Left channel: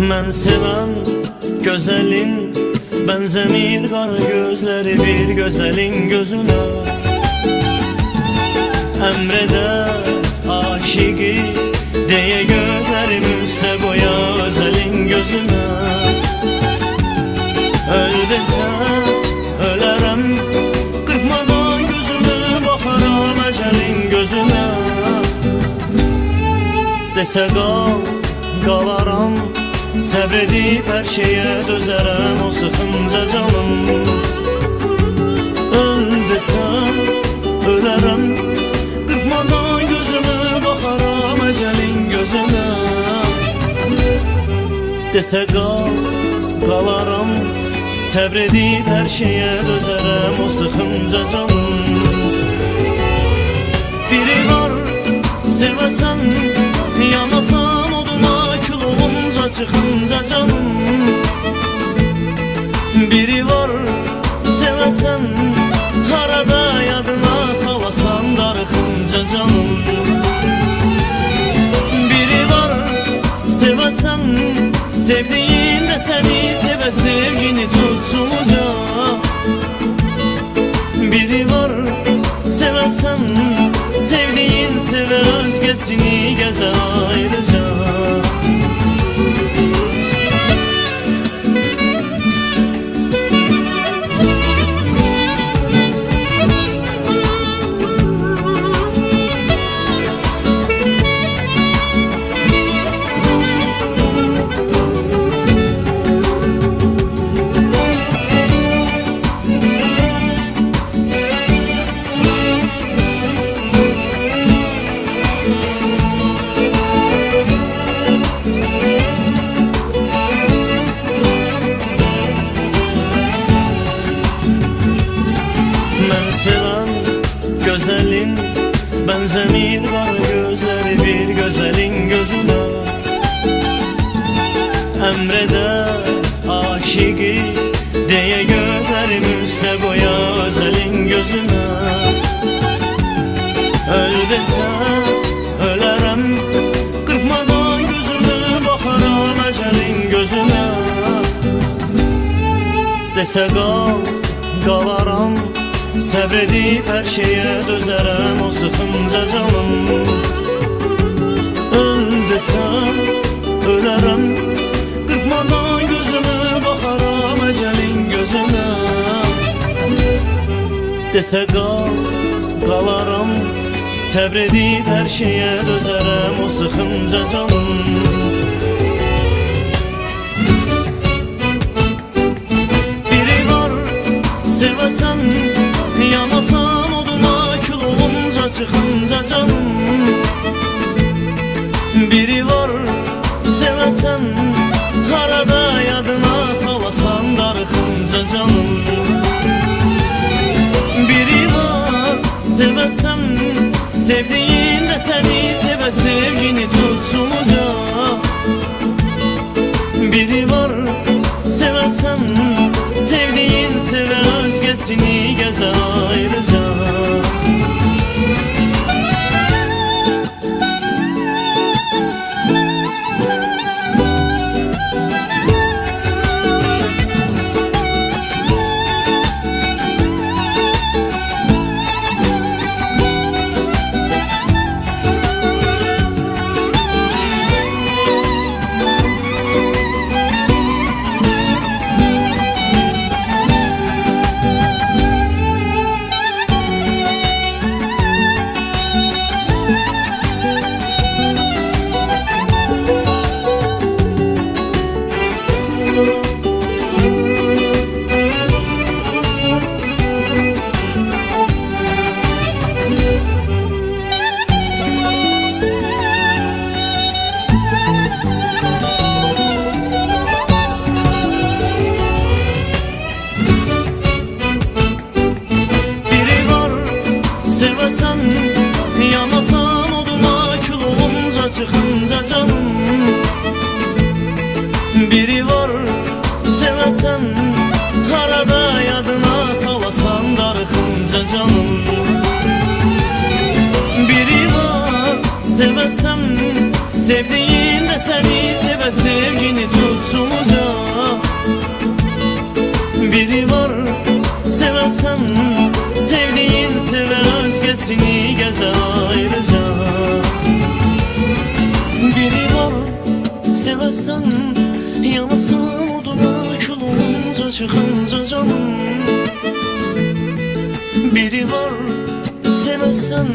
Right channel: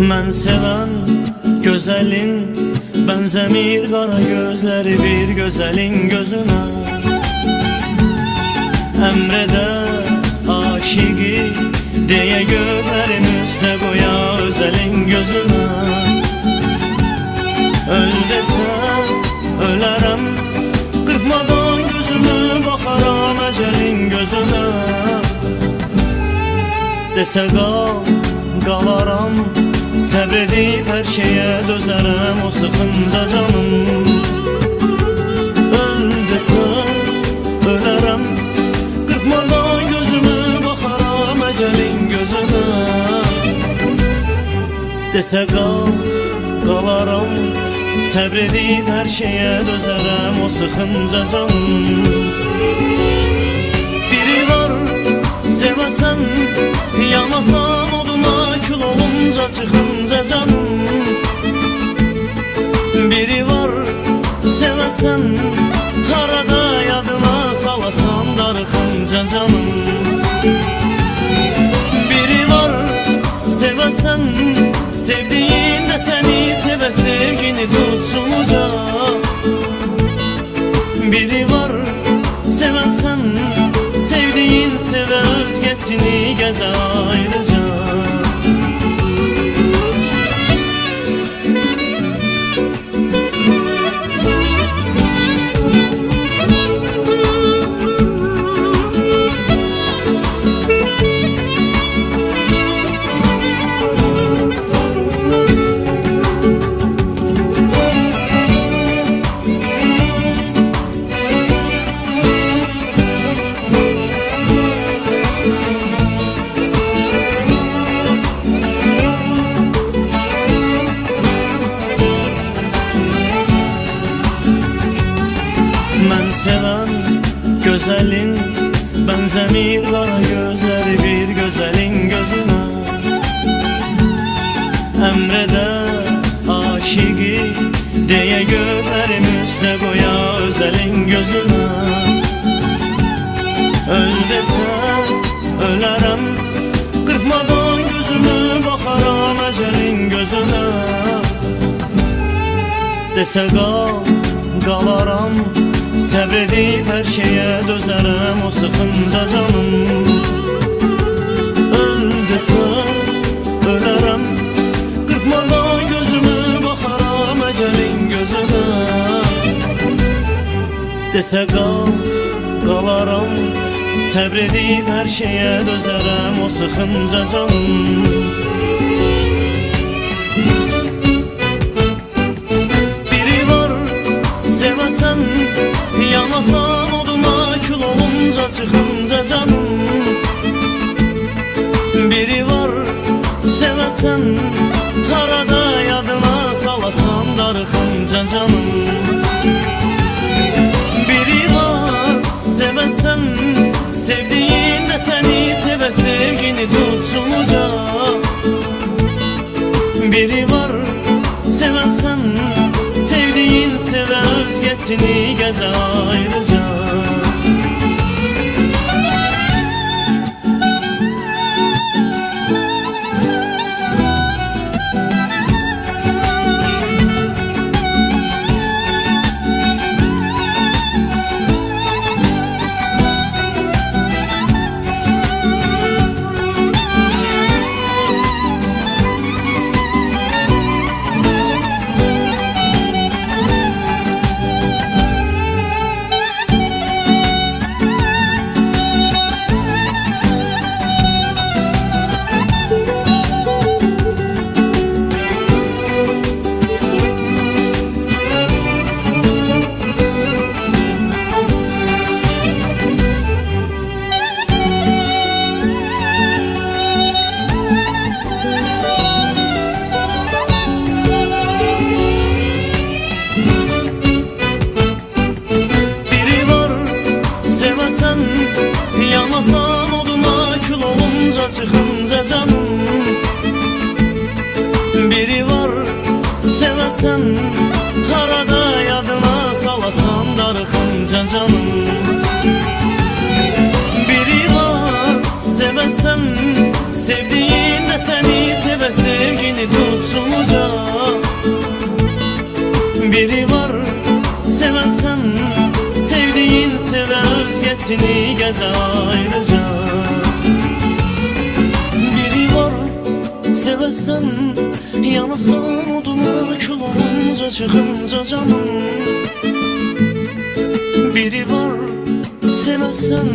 Mən sevən gözəlin bənzəmir qara gözləri bir gözəlin gözünə. Əmrədə aşiqi deyə gözlərim üstə qoya özəlin gözünə. Öl desən ölərəm, qırpmadan gözümü baxaram əcəlin gözünə. Desə qal, qalaram, səbr edib hər şeyə dözərəm o sıxınca canım. Öl desən ölərəm, qırpmadan gözümü baxaram əcəlin gözünə. Desə qal, qalaram, səbr edib hər şeyə dözərəm o sıxınca canım. Biri var sevəsən, yanasan oduna kül olunca çıxınca canım. Biri var sevəsən, harada yadına salasan darıxınca canım. Biri var sevəsən, sevdiyin də səni sevə sevgini tutsun uca. Biri var sevəsən, sevdiyin sevə özgəsini gəzə ayrıca. Mən sevən gözəlin bənzəmir qara gözləri bir gözəlin gözünə. Əmrədə aşiqi deyə gözlərim üstə qoya özəlin gözünə. Öl desən ölərəm, qırpmadan gözümü baxaram əcəlin gözünə. Desə qal, qalaram, səbr edib hər şeyə dözərəm o sıxınca canım. Öl desən ölərəm, qırpmadan gözümü baxaram əcəlin gözünə. Desə qal, qalaram, səbr edib hər şeyə dözərəm o sıxınca canım. Biri var sevəsən, yanasan oduna kül olunca çıxınca canım. Biri var sevəsən, harada yadına salasan darıxınca canım. Biri var sevəsən, sevdiyin də səni sevə sevgini tutsun uca. Biri var sevəsən, sevdiyin sevə özgəsini gəzə ayrıca. Sevəsən, yanasan oduna kül olunca çıxınca canım. Biri var sevəsən, harada yadına salasan darıxınca canım. Biri var Sevesen sevdiğin de seni seve, sevgini tutsun uca. Biri var sevesen sevdiğin seve, özgesini geze ayrıca. Biri var sevesen yanasan oduna, kül olunca çıkınca canım. Biri var sevesen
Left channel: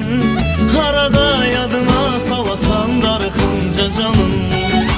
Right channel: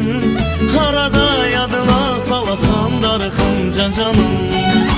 arada yadına salasan darıkınca canım.